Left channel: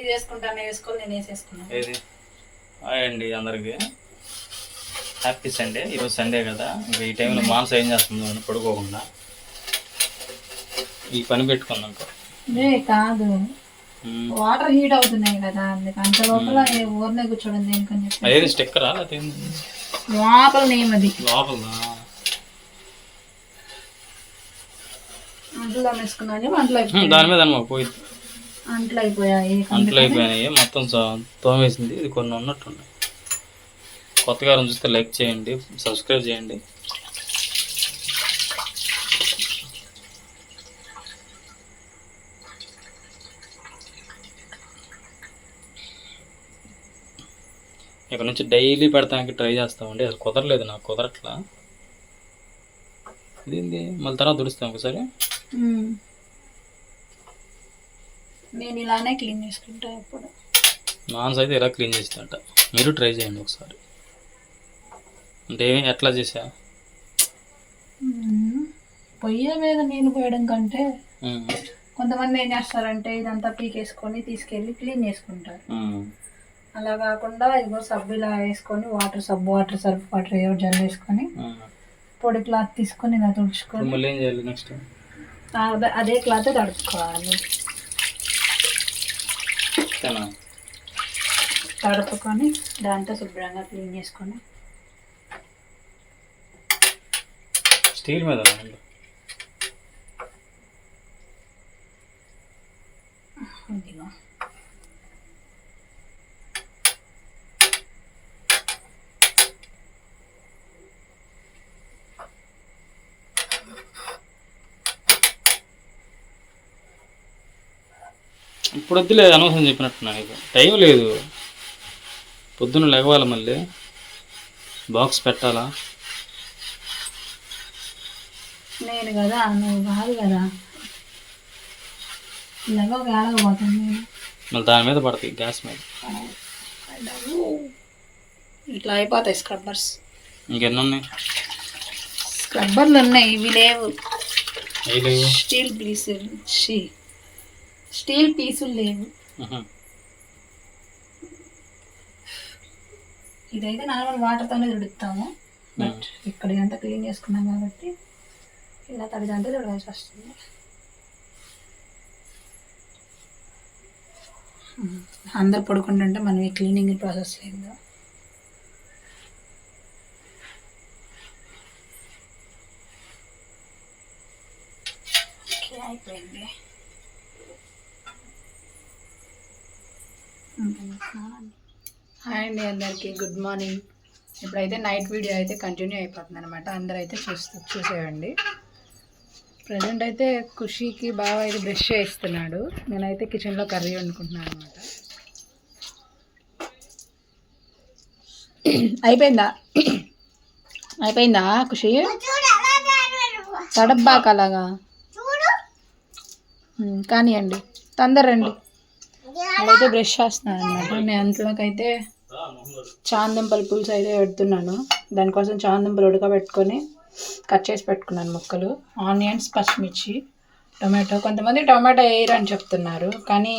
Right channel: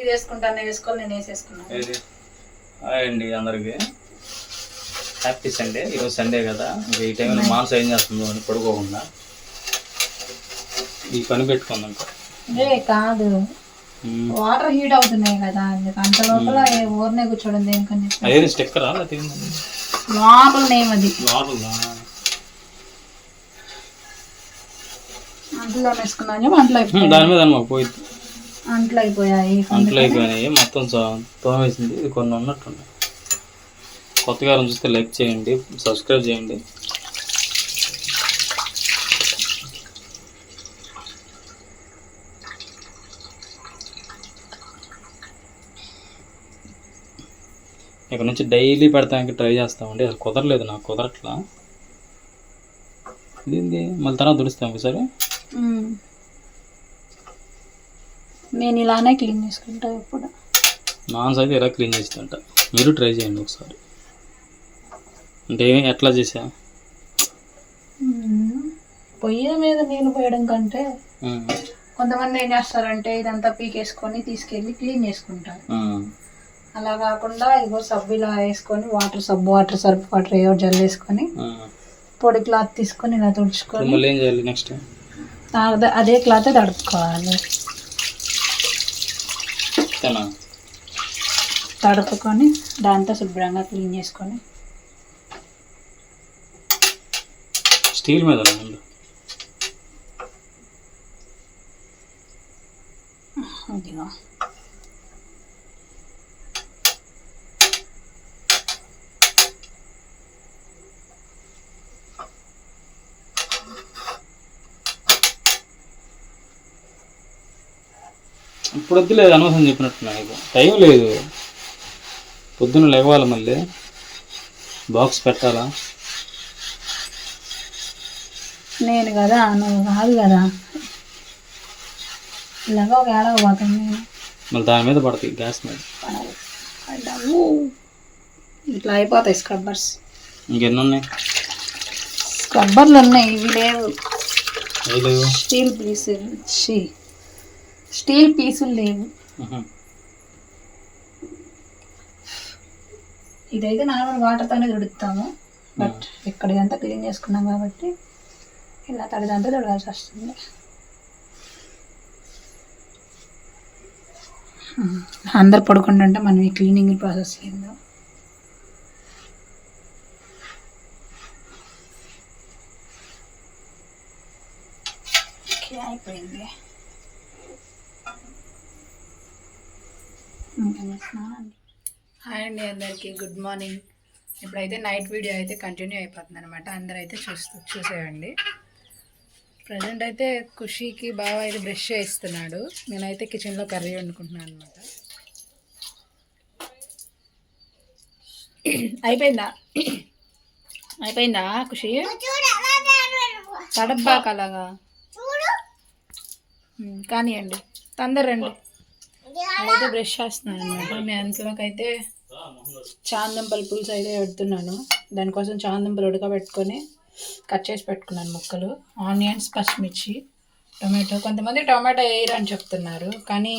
ఇది వేసుకుంటాను వేసుకొని నేను వేసేసుకున్నాను ఏది? హాయ్ అండి అందరికి. హ్యాపీ సండే ఈరోజు సండే కదా. ఇంకా ఈ టైంలో మాంసం ఏం చేస్తుందో అని పడుకోకుండా. ఈ పని పెట్టుకుందాం. ఏ కాదు. వాటర్ హీట్ అవుతున్నాయి కదా అందుకు అంత లోపల ఊరినే కూర్చోడం దేనికని చెప్పి. అదేది స్టిక్కరా? లోపల నేమ్ అది. లోపలదా అంట్లో వేసుకున్నాను అయిపోయాయి దాని మీద మాకు పోయి. అంట్లో అయిపోయాయి అంట్లు అయిపోయినాయి మొత్తం తోమేసింది. ఇది కొన్ని ఉన్నట్టున్నాయి కొత్తగా చూస్తే లైక్ చేయండి సబ్స్క్రైబ్ చేయండి. ఇక్కడ నుంచి డైలీ పెడతానికి ట్రై చేస్తామండి. అది కుదరలేదు నాకు కుదరట్లా. ఇదేంది? మళ్ళీ తర్వాత దుడుస్తాం ఒకసారి. నేను ఇలానే క్లీన్ చేసుకుంటా ఎప్పుడు నాన్స్ అయితే ఇలా క్లీన్ చేస్తుంట మీరు ట్రై చేయండి ఒకసారి. అంటే ఎట్లా చేసా. పొయ్యి మీద నీళ్ళు పోయడం కంటే కొంతమంది ఏం చేస్తారంటే ఇదంతా పీకేసుకొని తీసుకెళ్ళి క్లీన్ చేసుకుంటారు. అలా కాకుండా ఇగో సబ్బు ఇలా వేసుకొని వాటర్ సబ్బు వాటర్ సర్ఫ్ వాటర్ ఏవో జల్ వేసుకొని. పొడి క్లాత్ తీసుకొని ఇలా ఇప్పుడు తుడుచుకొని మళ్ళీ ఏం చేయాలి నెక్స్ట్? అదే- అదే క్లాత్ తడుపుకోవాలి. తడుపుకొని దాంతో శుభ్రంగా క్లీన్ చేసుకొని. స్టీల్ మీద ముందు. ఇప్పుడు వద్దులే అనవసరం చెప్పినట్టున్నా నీకు. టైం లేదు. పొద్దున్న లెగవాలి మళ్ళీ? బాక్స్ పెట్టాలా? నేను కదా నువ్వు కాదు కదా. ఇలాగ ఒక ఏడవబోతాను నేను? మళ్ళీ దాని మీద పడతాయి గ్యాస్ మీద. ఇట్లా అయిపోతాయి స్క్రబ్బర్స్. ఇంకెన్ని ఉన్నాయి స్క్రబ్బర్లు ఉన్నాయి ఇవి లేవు. స్టీల్ పీసులు షీ. స్టీల్ పీసులు లేవు. ఇదైతే నార్మల్ వాటర్తోనే తుడుతాము. బట్ ఇక్కడ ఇదంతా క్లీన్ చేసుకున్నాం కాబట్టి ఇలా తడిదంతా తుడవాల్సి వస్తుంది. అందరు పడుకుంటుంటే మనం ఈ క్లీనింగ్ ప్రాసెస్ లేదు ఓకే, అయిపోయింది ఇంకేం చేస్తున్నానండి హాయ్ అండి అందరికీ గుడ్ మార్నింగ్. ఇప్పుడైతే నైట్ వీడియో అయితే కంటిన్యూ అయిపోతుంది అనమాట అందరూ అయితే చూస్తూ చూసేయండి. ప్రజెంట్ అయితే ఖుషీకి బాగా అయితే బ్రష్ చేయిస్తున్నాడు. నేనైతే కిచెన్లో కర్రీ వండుకుంటున్నాను అనమాట అయిపోయిందా? అయిపోయిందా ఖుషి? తడబ్బాక అలాగా? కానివ్వండి తొందర అదైతే బ్రష్ చేస్తున్నాను అనమాట నేను అంతలోకి అయితే చాందంపల్లి పులుసు అయితే పెడుతున్నాను. దానికోసం చాందంపల్లి ఉడకబెట్టుకొని కట్ చేసి పెట్టుకున్నాను ముక్కలు. ఆనియన్స్ పచ్చిమిర్చి టొమాటో. కొంతమంది టొమాటో వేయరు అని చెప్తున్నారు. కానీ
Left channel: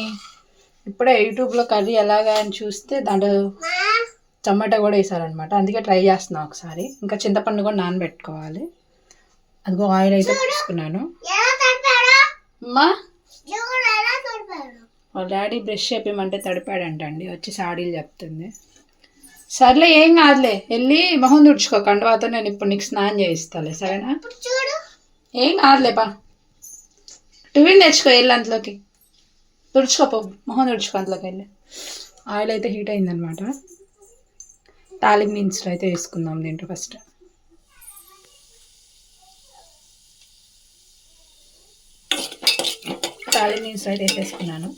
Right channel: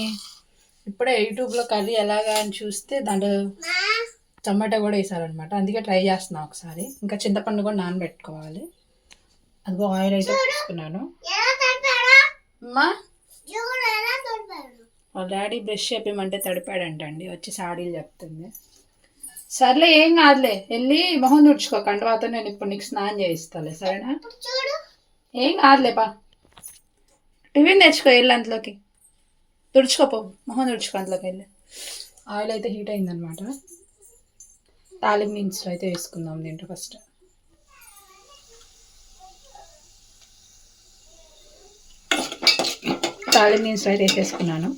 ఇప్పుడే యూట్యూబ్లో కర్రీ ఎలాగా అని చూస్తే దాంట్లో టమాటా కూడా వేసారనమాట అందుకే ట్రై చేస్తున్నాను ఒకసారి. ఇంకా చింతపండు కూడా నానబెట్టుకోవాలి. అదిగో ఆయిల్ అయితే తీసుకున్నాను. అమ్మా! వాళ్ళ డాడీ బ్రష్ చెప్పమంటే తడిపాడంట అండి వచ్చి సాడీలు చెప్తుంది. సర్లే ఏం కాదులే వెళ్ళి మొహం తుడుచుకో కండవాతో నేను ఇప్పుడు నీకు స్నానం చేయిస్తాలే సరేనా? ఏం కాదులే పా. టిఫిన్ తెచ్చుకో వెళ్ళి అంతలోకి తుడుచుకోపో మొహం తుడుచుకో అంతలోకి వెళ్ళి. ఆయిల్ అయితే హీట్ అయిందనమాట. తాలింపు దినుసులు అయితే వేసుకుందాం దీంట్లో ఫస్ట్. తాలింపు దినుసులు అయితే వేసేసుకున్నాను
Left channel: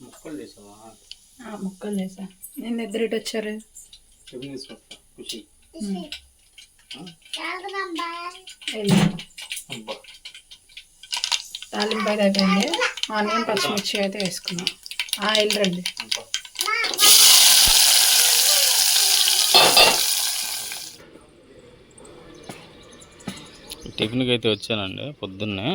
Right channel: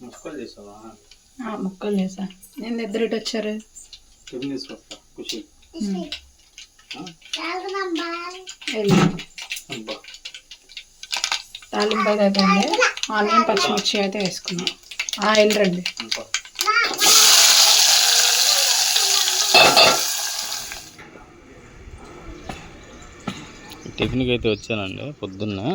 ముక్కలు చేసావా? ముక్కలు చేసా. నేను ఇద్దరు ఇటు వచ్చారు? టిఫిన్ తీసుకొస్తా ఖుషి తాలింపు అయితే అయిపోయింది. ఆనియన్ పచ్చిమిర్చి అయితే వేసుకున్నాం. ఆ, వెళ్ళరండి అబ్బా. టిఫిన్కి అయితే వచ్చానండి పొద్దున్నే.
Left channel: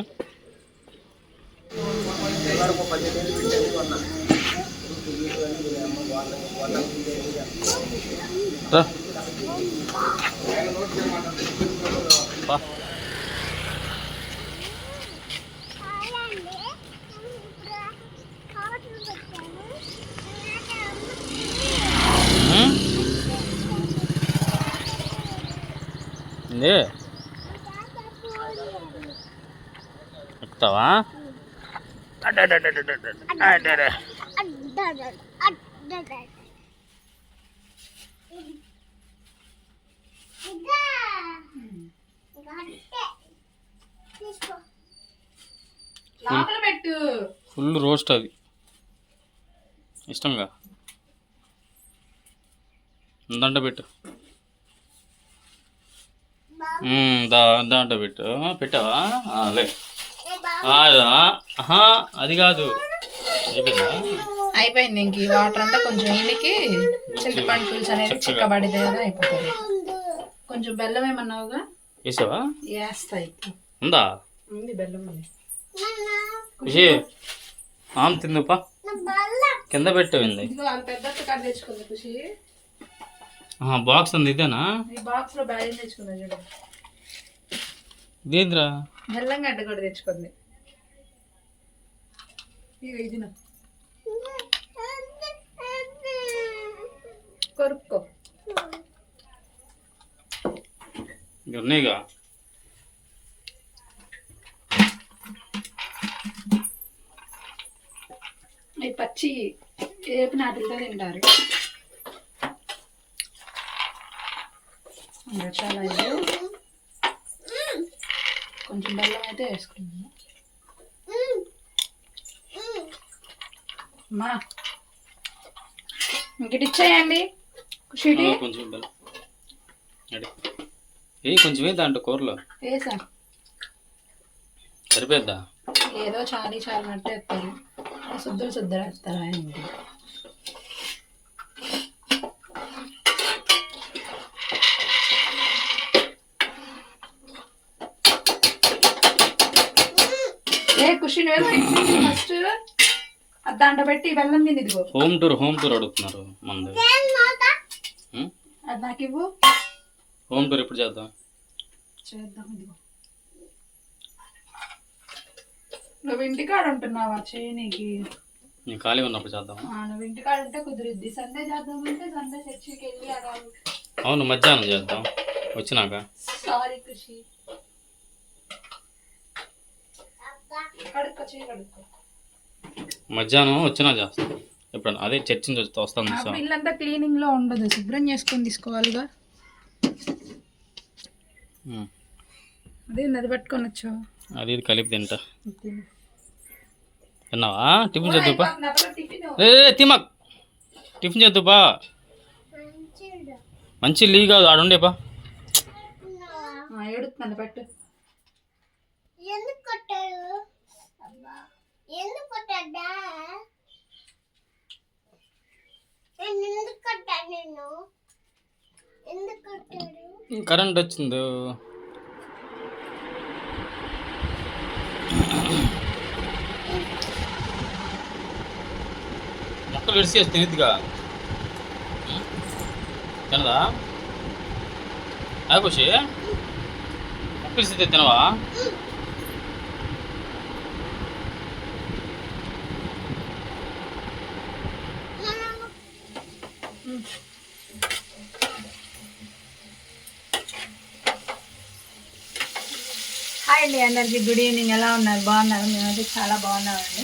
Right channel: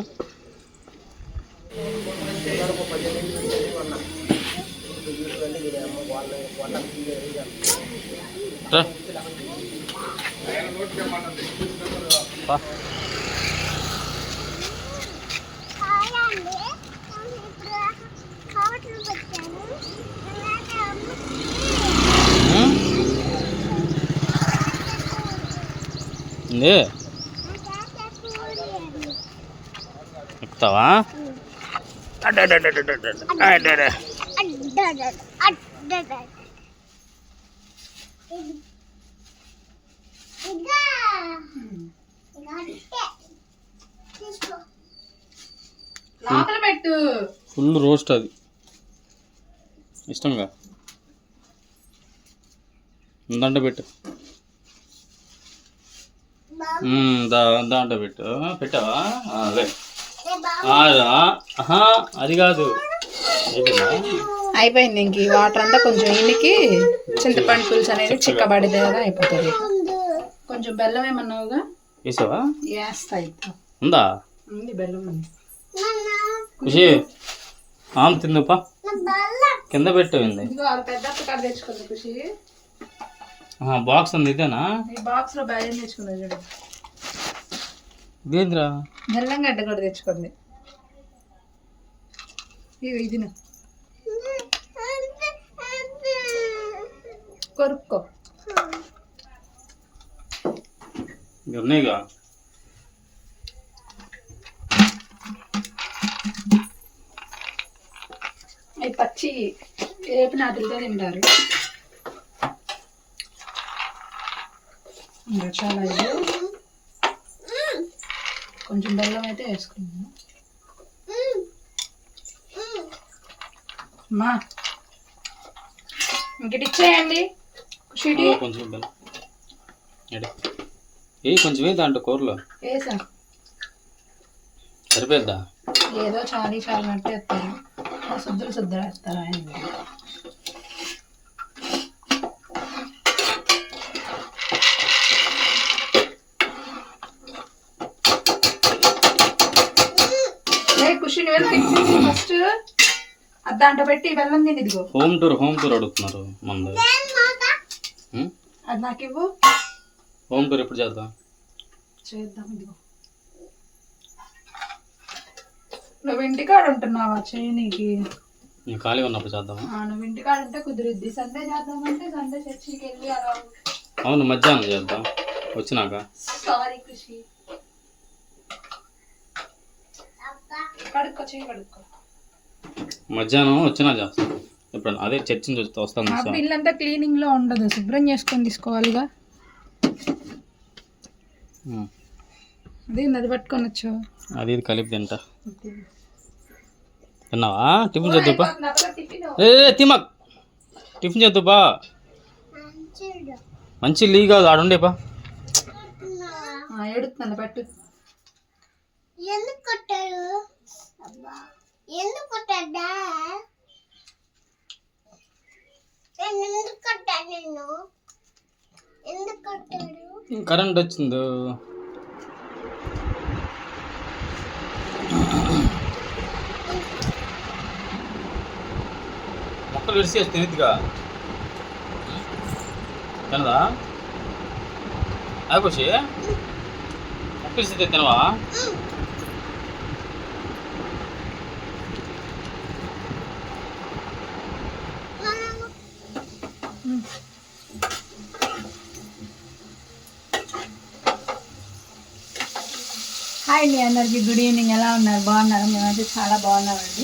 రా. పా. ఉమ్. ఏంది ఎక్కుతావా అడ్డడ్డడ్డడ్డడ్డ. అడ్డడ్డ. లోపల పెట్టు. ఫుల్ రోస్ట్ అది. ఇష్టంగా. దండ పెట్టు. మ్మ్, దాంట్లో పెట్టు. పెట్టావా? ఆ, లే. అది కాదు. అయిపోయిందా? అయిపోయింది ఇంక ఈ వాటర్ అంతా కొంచెం ఇంటికి చింతపండు పులుసు అనేది చిక్కబడితే కదా అయిపోతుంది. కొంచెం బెల్లం ఏమన్నావుగా వేసావా? వేస్తా ఇప్పుడు. ఉందా? ఉంది బెల్లం ఉంది. ఖుషి ఆమె తిందుపా. కింద పెట్టింది పెద్ద కాడ తెచ్చుకుంది ఖుషి. బాక్స్ ఉంది ఇదేనా? ఈ బాక్స్లో బెల్లం తెచ్చుకుంది చూడు. ఇదేంద్రా? బెల్లం గడ్డ కూడా తెచ్చుకుంది. ఇది ఇది కొరుక్కో. ఉన్నాయిగా? పచ్చి ఏపి నాటితో తింటారు చాలా ఇది కొంచెం బెల్లం అయితే వేసుకున్నాను అమ్మా ఇంకటి ఇచ్చేయండి. కొంచెం బెల్లం ఎడి ఏ కొంచెం ఏ దాంట్లో కూరలో? సరిపోద్దా ఏదో చాలీ చాలా మట్టు వేస్తారు శుద్ధులు శుద్ధులు ఆయన నువ్వు ఫస్ట్? దాంట్లో పెట్టి తిని ఇదిగో. హోమ్ టూర్ హోమ్ టూర్ అడుగుతున్నారు ఉం? అది నాకు ఇవ్వు. హోమ్ టూర్ ఎప్పుడు చేద్దాం? చేద్దాం ఇదిగో. నువ్వు ఇంటికాడ ఉంటున్నావా చేయనీకి? నేను ఖాళీగా ఉన్నప్పుడు చేద్దామా? ఆ, నువ్వు ఇంటికాడ ఉంటే కుదిరిద్ది. సండే చేద్దామంటే సండే చర్చికి వెళ్ళి అలా అవును మధ్యాహ్నం చేద్దాం. వచ్చినాక. సారీ కృషి కడుక్కో చేయి కడుక్కో. మధ్యాహ్నం వచ్చినా చేస్తాం. ఎప్పుడన్నా? అదే చర్చ్ నుంచి వస్తా సార్ ఇల్లంతా క్లీనింగ్లో ఉండదు. శుభ్రం చేసుకొని తీసుకోవాలిగా. అదే అది పట్టుకొని వచ్చావు. అది ఇది కలిపి తింటా. తిన్నావా? టిఫిన్ చేద్దుపా ఏ తిమక్ టిఫిన్ చేద్దుపా మంచి లీ కాదు ఆడుండేపా ఏడుతున్నాను పట్టు. ఎందుకు కొట్టాడు ఎందుకు కొట్టాడా నేను ఎందుకు కొట్టాను నేను ఎందుకు కొట్టాడు కరెంట్ వచ్చింది. మొక్కలు విడిసి వేసి తినిద్దిగా. తినదా? ఆకోషి మొక్కలు విడిసి తినవా? హాయ్ అండి అందరికి గుడ్ ఈవినింగ్ ఎలా ఉన్నారు? బాగున్నారు? మేమైతే చాలా బాగున్నామండి.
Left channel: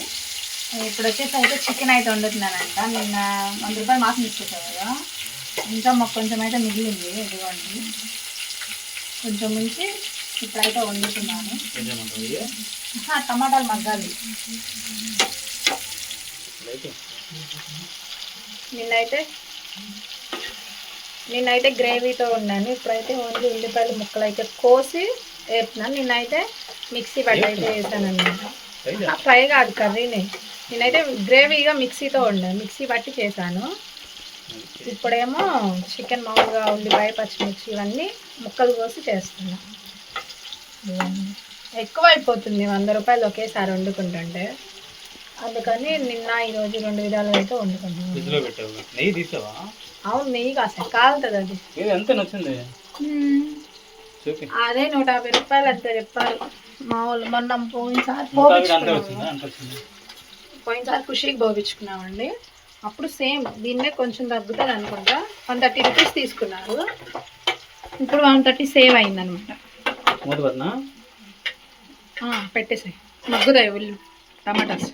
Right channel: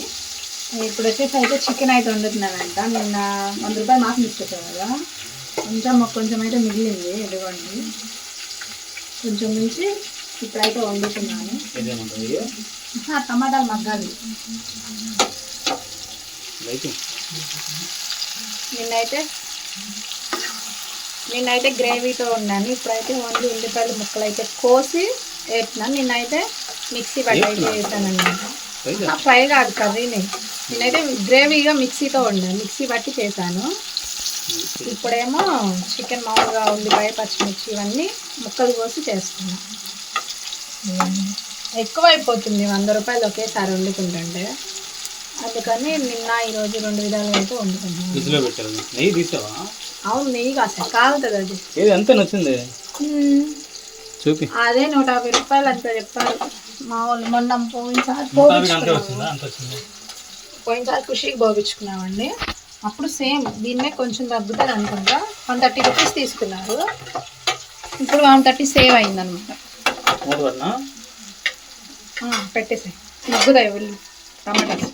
ఇప్పుడు వచ్చేసి అయితే చికెన్ అయితే వండుతున్నానంట. నిన్న వంద రూపాయలు మాసం ఇచ్చేసావు కదా. కొంచెం మాకు కొంచెం అయితే మిగిలింది. ఇదిగోండి. కొంచెం ఉంచి ఇప్పుడైతే వండుతున్నాను. టమాటాలు మగ్గాలి. నిన్నైతే నిన్నైతే గ్రేవీతో ఉన్నాను ఇప్పుడైతే ఓన్లీ ఉల్లిపాయలు ముక్కలు అయితే కోసి వేస్తున్నాను నిన్నైతే మిక్సీ పట్టి అయితే వేసాను అనమాట ఫ్రై కాదు కర్రీని నేనైతే గ్రేవీగా మిక్సీతో వండాను. మిక్సీ పట్టి చేశాను. ఇప్పుడేమో చికెన్ మామూలుగా ఉల్లిపాయ పచ్చిమిర్చి ఇవన్నీ ముక్కలు కోసి చేస్తున్నాను ఎక్కువ అయిపోతుంది వంద రూపాయలు ఒకేసారి వండుకుంటుంటే. అందుకని నిన్న ఈరోజు రెండు విధాలుగా అయితే వండుకుంటున్నాను. అవును నెయ్యి కాస్త కాలుతుంది అది. ఎంత నచ్చింది? చూపి. అదే నూట యాభై రూపాయలు అంత చెప్పారు. మా వాళ్ళు మొన్న పోయినసారి పోయినసారి ఖుషికి పోపించుకున్నామండి అప్పుడు సేమ్ దీన్నే కొంచెం తగ్గుతుంది అనుకుంటా. వన్ థర్టీ రూపీస్ తీసుకున్నారు. ఇప్పుడు వన్ థర్టీ సేవ్ అయిందనమాట. పెట్టేసాయి. మగ్గుతాయి ఉల్లి టమాటాస్.